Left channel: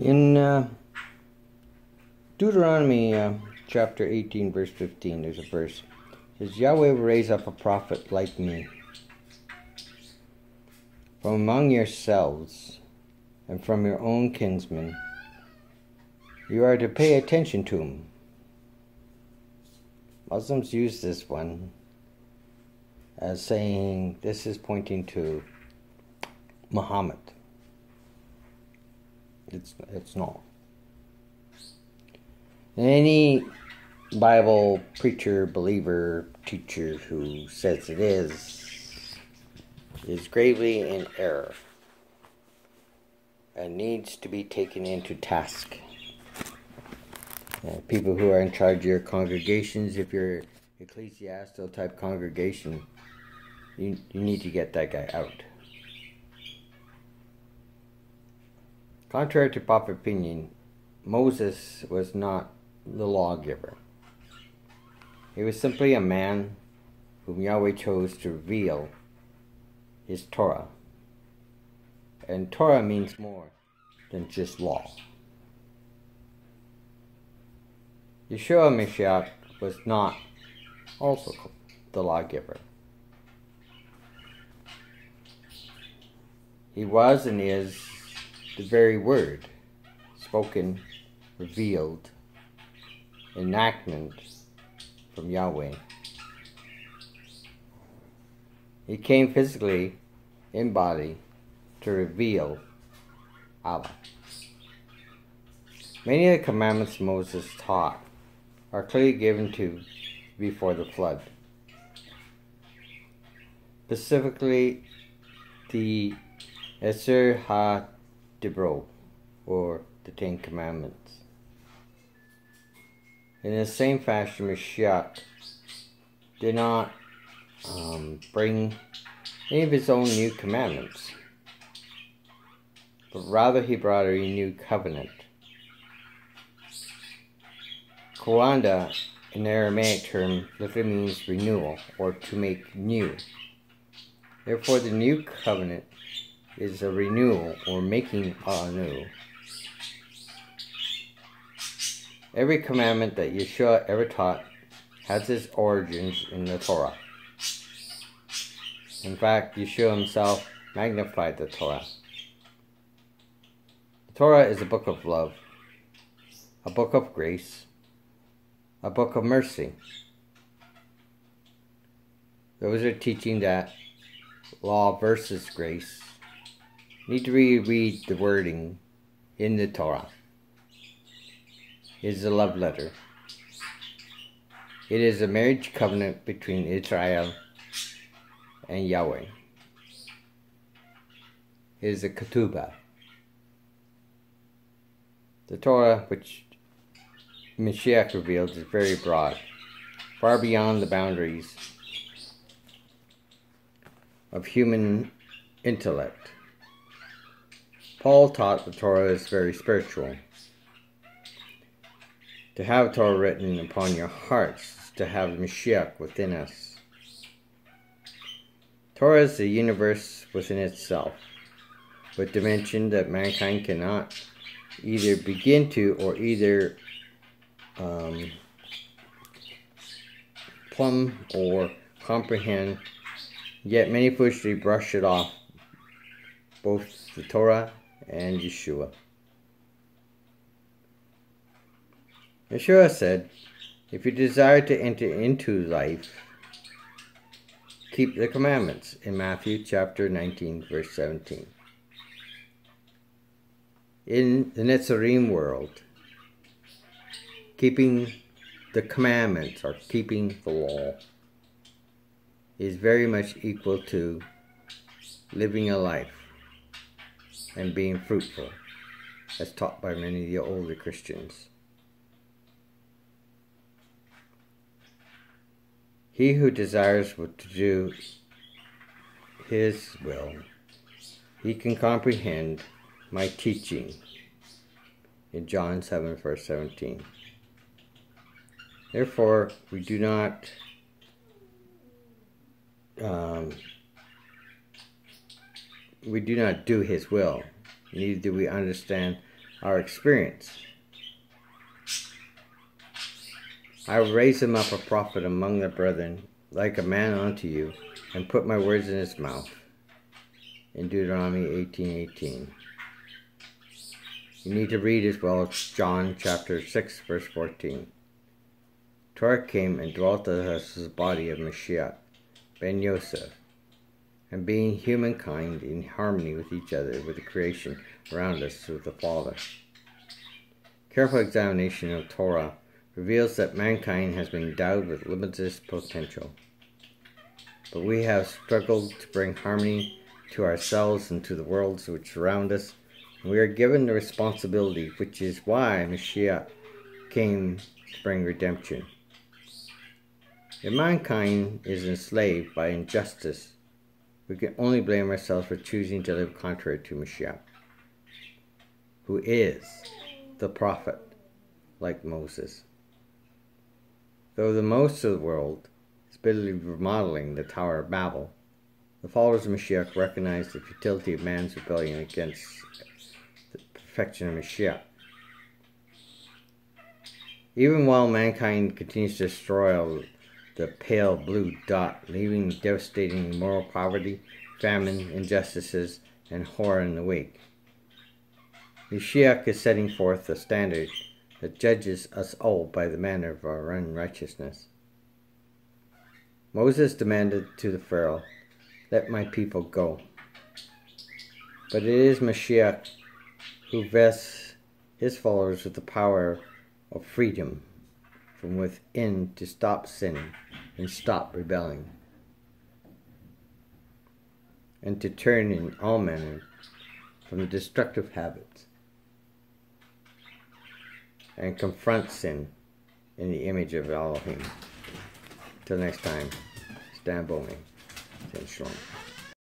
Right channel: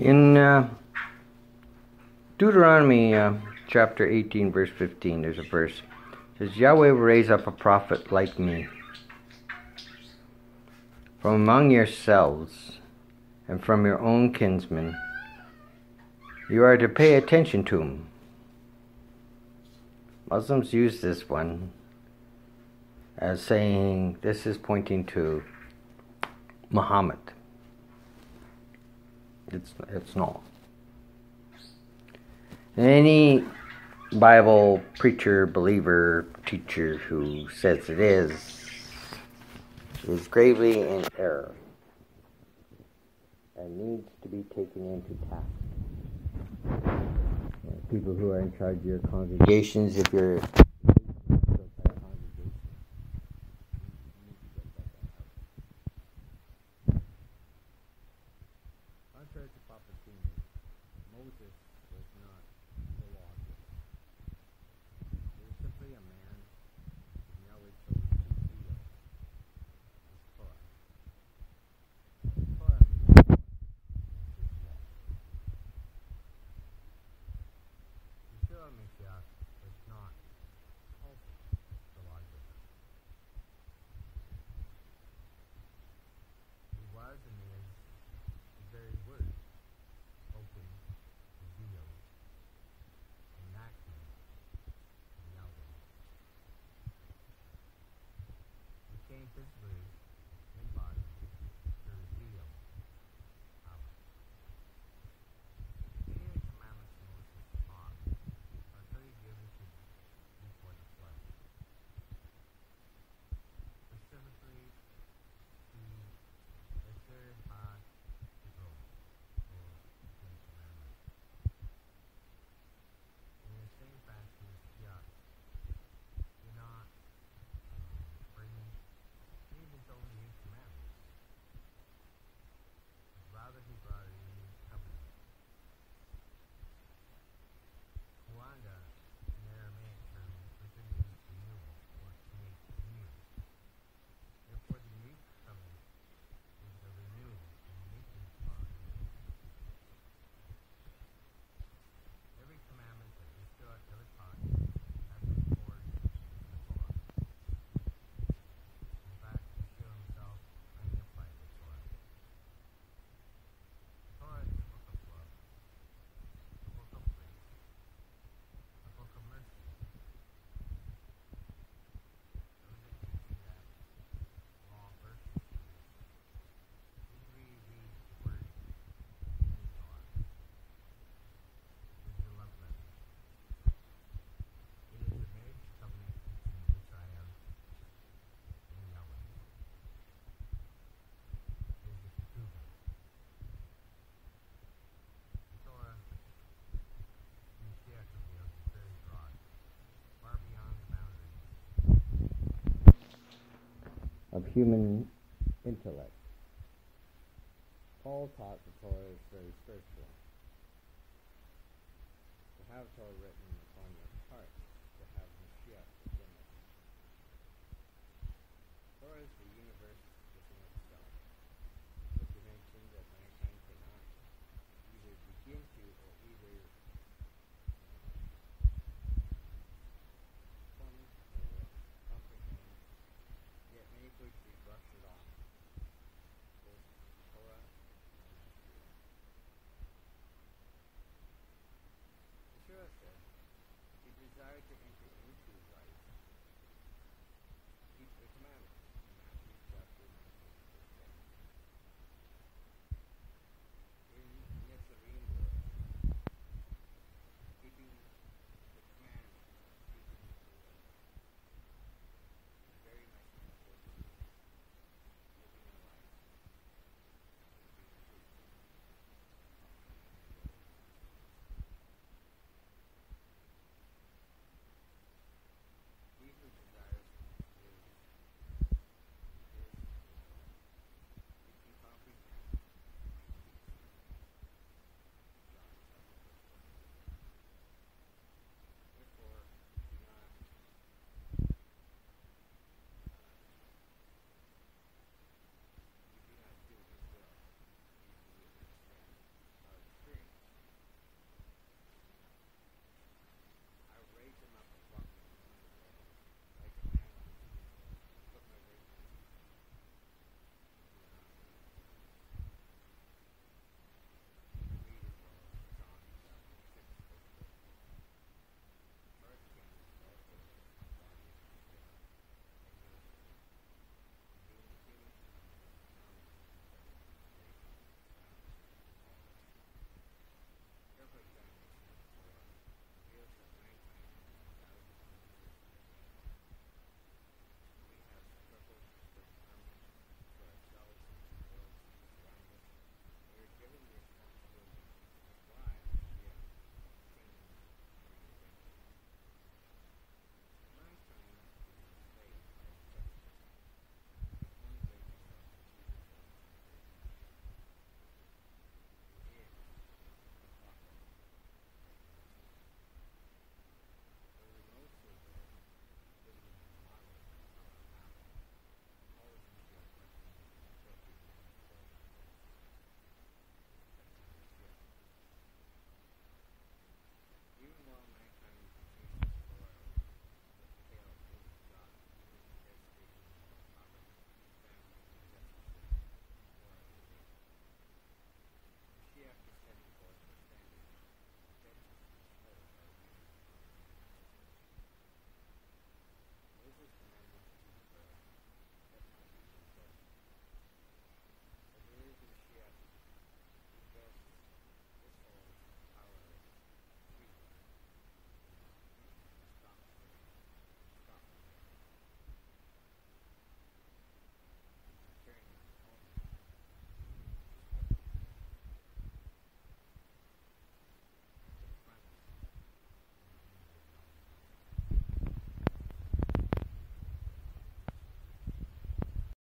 In Deuteronomy chapter 18, verse 15, there's a verse. It says, Yahweh will raise up a prophet like me from among yourselves and from your own kinsmen. You are to pay attention to him. Muslims use this one as saying this is pointing to Muhammad. It's not. Any Bible preacher, believer, teacher who says it is gravely in error and needs to be taken into task. People who are in charge of your congregations, if you're ecclesiastical type congregation, you need to get that guy out. Contrary to popular opinion, Moses was not the lawgiver. He was simply a man whom Yahweh chose to reveal his Torah. And Torah means more than just law. Yeshua Mashiach was not also the lawgiver. He was and is the very word, spoken, revealed, enactment from Yahweh. He came physically in body to reveal Allah. Many of the commandments Moses taught are clearly given to before the flood. Specifically, the Eser HaDibro, or the Ten Commandments. In the same fashion, Mashiach did not bring any of his own new commandments, but rather he brought a new covenant. Kawanda, an Aramaic term, literally means renewal, or to make new. Therefore, the new covenant is a renewal, or making anew. Every commandment that Yeshua ever taught has its origins in the Torah. In fact, Yeshua himself magnified the Torah. The Torah is a book of love, a book of grace, a book of mercy. Those are teaching that law versus grace need to reread the wording in the Torah. It is a love letter. It is a marriage covenant between Israel and Yahweh. It is a ketubah. The Torah, which Mashiach reveals, is very broad, far beyond the boundaries of human intellect. Paul taught the Torah is very spiritual. To have Torah written upon your hearts, to have Mashiach within us. Torah is the universe within itself, with dimension that mankind cannot either begin to or either plumb or comprehend, yet many foolishly brush it off, both the Torah and Yeshua. Yeshua said, if you desire to enter into life, keep the commandments, in Matthew chapter 19, verse 17. In the Netzarim world, keeping the commandments, or keeping the law, is very much equal to living a life and being fruitful, as taught by many of the older Christians. He who desires to do his will, he can comprehend my teaching in John 7, verse 17. Therefore, we do not do his will, neither do we understand our experience. I will raise him up a prophet among the brethren, like a man unto you, and put my words in his mouth. In Deuteronomy 18:18. You need to read as well as John chapter 6, verse 14. Torah came and dwelt with us as the body of Mashiach, ben Yosef, and being humankind in harmony with each other, with the creation around us, with the Father. Careful examination of Torah reveals that mankind has been endowed with limitless potential. But we have struggled to bring harmony to ourselves and to the worlds which surround us, and we are given the responsibility, which is why Mashiach came to bring redemption. If mankind is enslaved by injustice, we can only blame ourselves for choosing to live contrary to Mashiach, who is the prophet, like Moses. Though the most of the world is bitterly remodeling the Tower of Babel, the followers of Mashiach recognize the futility of man's rebellion against the perfection of Mashiach. Even while mankind continues to destroy the pale blue dot, leaving devastating moral poverty, famine, injustices, and horror in the wake, Mashiach is setting forth a standard that judges us all by the manner of our unrighteousness. Moses demanded to the Pharaoh, "Let my people go." But it is Mashiach who vests his followers with the power of freedom from within to stop sinning and stop rebelling, and to turn in all manner from the destructive habits and confront sin in the image of Elohim. Till next time, stand by me. Shalom.